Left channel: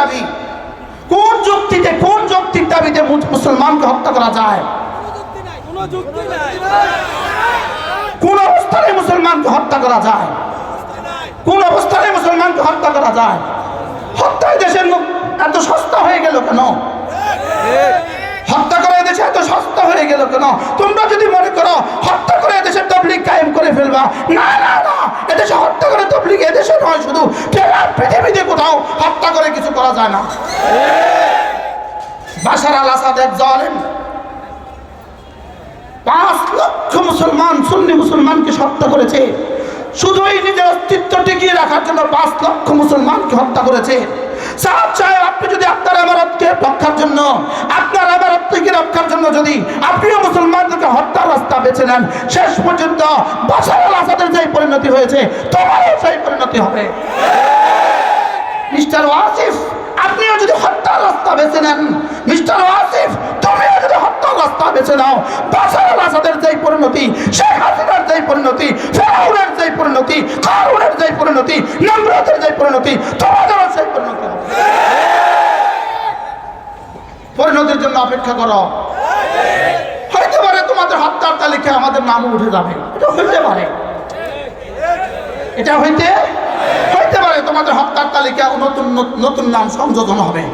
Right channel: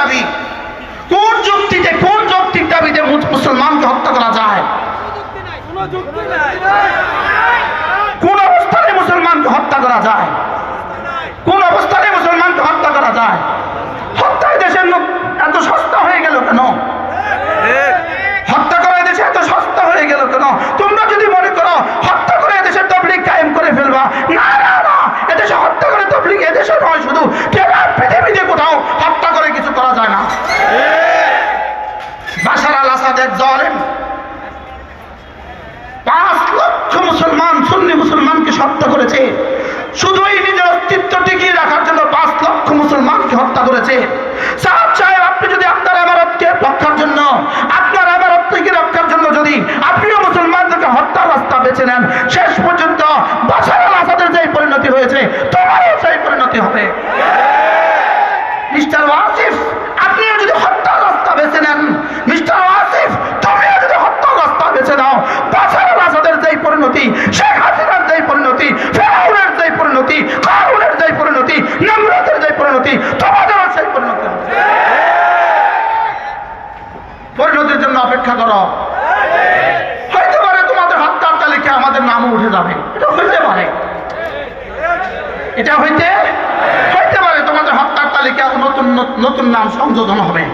দাবি? কোন যুক্তিতে, কোন যৌক্তিক দাবিতে মুসলমানকে হত্যা করা যায়? কোন অবস্থানে মুসলমানকে হত্যা করা যায়? কোন অবস্থানে মুসলমানকে হত্যা করা যায়? হত্যায় দেশের লোক এত সস্তা হয়ে গেল কেন? হত্যা করে দেশে এত সস্তা হয়ে গেল কেন? তোমরা যদি মনে করো হত্যা করে দেশের তাবলীগ কায়েম করে ফেলবা, না না না, এদেশে হত্যা করে তাবলীগ এদেশে নয়, শুধু পৃথিবীতে কোথাও হত্যা করে কিছু করা যায় না। বাশার আল আসাদ এক জালেম, 5 লক্ষ মুসলমান, সুন্নি মুসলমানকে হত্যা করেছে। শুধু এই নিজের অস্তিত্ব টিকিয়ে রাখার জন্য 5 লক্ষ মুসলমানকে হত্যা করেছে। সাহেব, আপনি যদি আপনার ইমারতকে রক্ষার জন্য, আপনার ইমারতকে রক্ষার জন্য যদি আপনিও মুসলমানদেরকে হত্যার রাস্তা বেছে নেন, শেষ পর্যন্ত বাশার আল আসাদের যে পরিণতি হয়েছে তোমারও সেই পরিণতি হবে। মিস্টার ওয়াসিফ, আপনিও যদি হত্যার রাস্তা বেছে নেন, মিস্টার ওয়াসিফ তুমিও যদি হত্যার রাস্তা বেছে নাও, বাশার আল আসাদের যেই পরিণতি, শেখ হাসিনার যেই পরিণতি, ফেরাউনের যেই পরিণতি, কারুনের যেই পরিণতি, নমরুদের যেই পরিণতি, তোমাদেরও সেই পরিণতি হবে। পরিণতির জন্য অপেক্ষা করো। হইতে পারে তোমাদের হত্যার তালিকায় আমাদের নামও উঠে যাবে, এটা হইতে পারে, এটা হইতে পারে তোমাদের হত্যার তালিকা নতুন নতুন নাম সংযোজন হবে।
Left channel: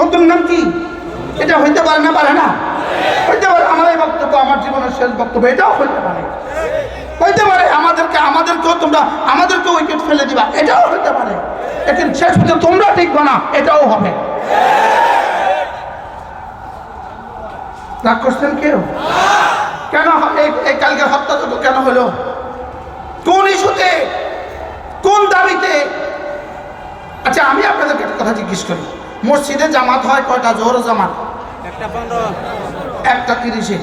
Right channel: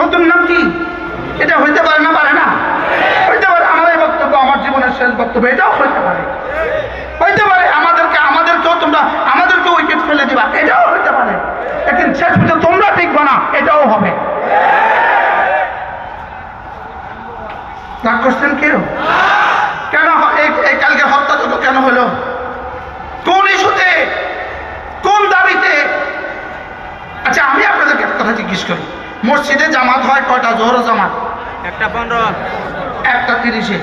নতুন নাম কি? এটা হইতে পারে না, পারে না? হইতে পারে। আমার এই বক্তব্য আমার জীবনের শেষ বক্তব্য, এটাও হইতে পারে। হইতে পারে আমাদেরকেও উইকেট ফেলে দিবা, এটাও হইতে পারে। কিন্তু শেষ পর্যন্ত তোমরা টিকবে না, এটাও হবে। রাগ করছেন কেউ? কেন এই কালকে হত্যা যত কেন হলো? কোন ইস্যুতে, কোন দাবিতে? আচ্ছা, আমি আপনাদেরকে একটা কথা জিজ্ঞেস করি, মসজিদে জামাত হয় কয়টা? জোহর জামাত 1:15, 1:30।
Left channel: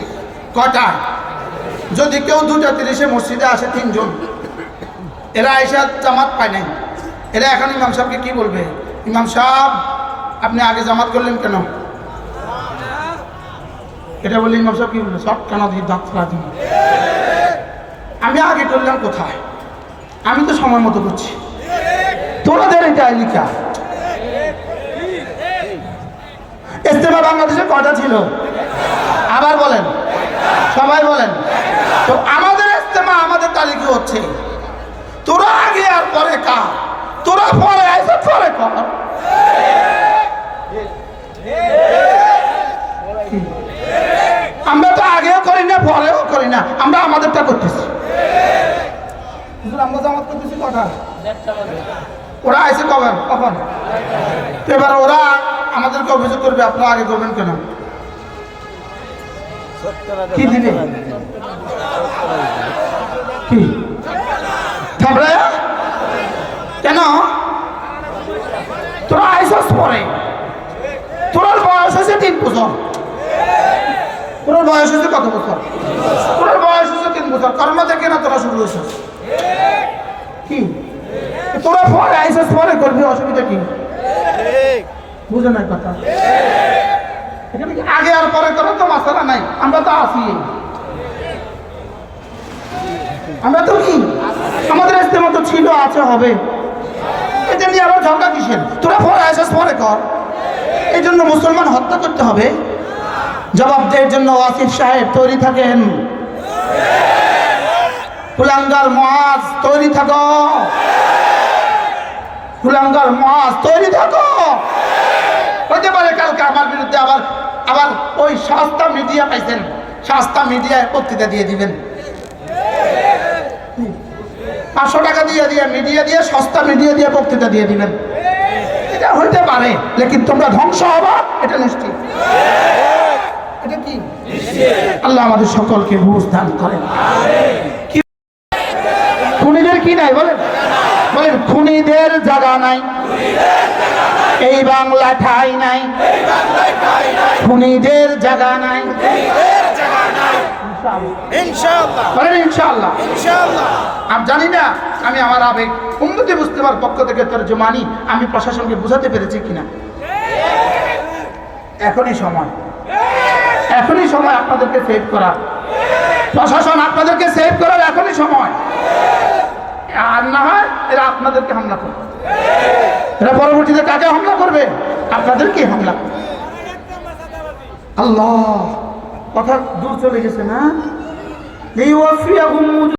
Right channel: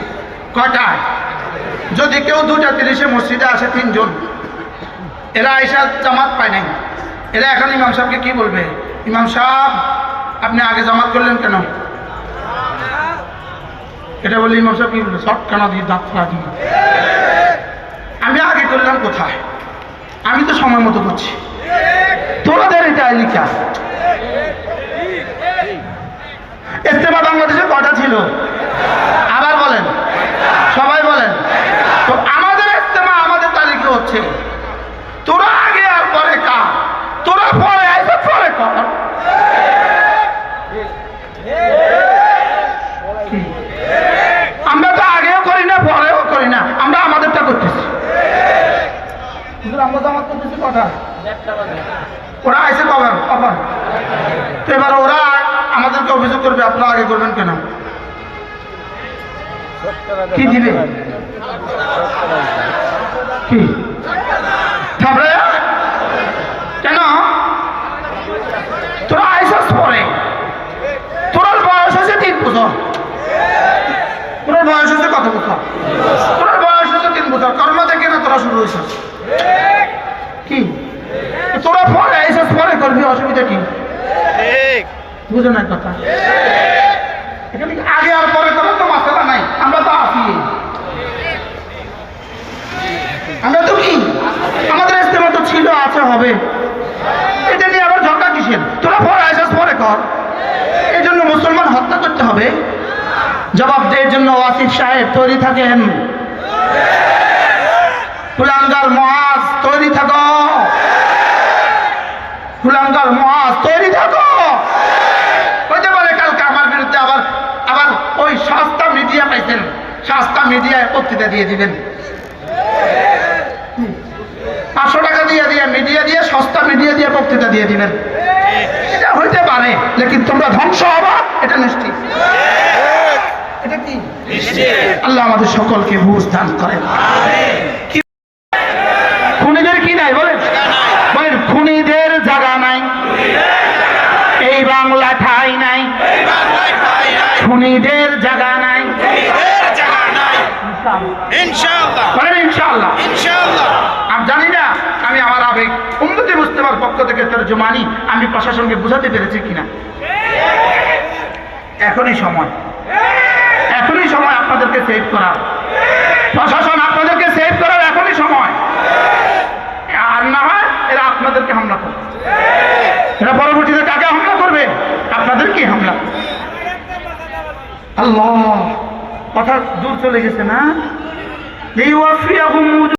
কয়টায়? যদি কেউ 2:30 মসজিদে আসে 3 জন, এরা এসে জামাত পায় নাই, এরা এখন ইমাম সাহেবকে কি বলবে? ইমাম সাহেব, আপনি আগে জামাত করলেন কেন? এটা বলে ইমাম সাহেব কি বলবে? সব কেন দিয়ে দাঁত ফেলা দিন। আমি আগে করলাম কোথায়? আমি তো সময় মতো করছি। তোমাদের এটা লিখা। ইজতেমা বাংলাদেশে কয়টা ছিল? আবার বলেন, সবাই বলেন। তো আমাদের ইজতেমা আমাদের তালিকা হচ্ছে। তোরা আগে আর পরে কা? তোরা পরে আইসা পরে কর। আমরা তো আগেও করি না, পরেও করি না, আমরা আমাদেরটা করতেছি। আমরা জামাত করতেছি কটা? ওরা আইসে কখন? তো এবার ওরা আমাদেরকে অভিযোগ করবে, আপনারা আগে করবেন কেন? কি দিবে? কি থামড়ে কেন? তোরা আইসস পরে, তোর বয়স হয়েছে 3 বছর। তোর বয়স হয়েছে কত বছর? তোর বয়স হয়েছে 3 বছর। কর্ম থেকে না তোরা শুরু হয়েছিস? কি তোরা পরে আইসস, পরে করবি, অসুবিধা কি? বুঝো না কথা? এখানে আগে আর পরে করে তো মশলা নাই, আমরা তো আসি। আমরা তো কি, আমাদের ইজতেমা তো ছিল, আছে, হবে। এটা নিয়ে আবার ঝগড়া কিসের? তোরা পরে আইসস, পরে কর। এই জন্য মুসলমান হত্যা করতে হবে? জবাব দেওয়ার জন্য ওয়াসিফ সাহেব তৈরি থাকেন। কুলাঙ্গার মুআজ তৈরি থাকো, কুলাঙ্গার মুআজ তৈরি থাকো। হতে পারে কালকে আমার বিরুদ্ধে আবার ওই সস্তা মিডিয়া পাইছেন, সস্তা মিডিয়ায় বক্তৃতা দিয়ে দিবেন। 500 টাকা দিয়ে মিডিয়া দিয়ে, সস্তা মিডিয়া দিয়ে বক্তৃতা দিয়ে দিবেন। এটা হইতে পারে, লেকিন তোমরা ধ্বংস হবা, এটা নিশ্চিত। এটা কি? আল্লাহ আমাদের সকলকে বুঝ দান করেন। খুনিদের কি নাই বলেন? বলেন, খুনিদের জায়গা নাই এই বাংলা ঠাই নাই, খুনিদের জায়গা নাই। বলেন ইনশাআল্লাহ। আমি জানি না, আমি আমার আবেগ উম্মতে মুসলিমার পক্ষ থেকে তরজমানি আমি প্রশাসনকে বুঝাতে পেরেছি কিনা। এখনই সময়, এখনই সময় আপনাদেরকে সেভ করার, প্রশাসন আপনাদেরকে সেভ করার এখনই সময়। আর না হয় এরা আপনাদেরকে হামলা করবে। এরা পরবর্তীতে কাকে হামলা করবে? আপনাদেরকে হামলা। আল্লাহ, কথা দূর চলে গেছে না?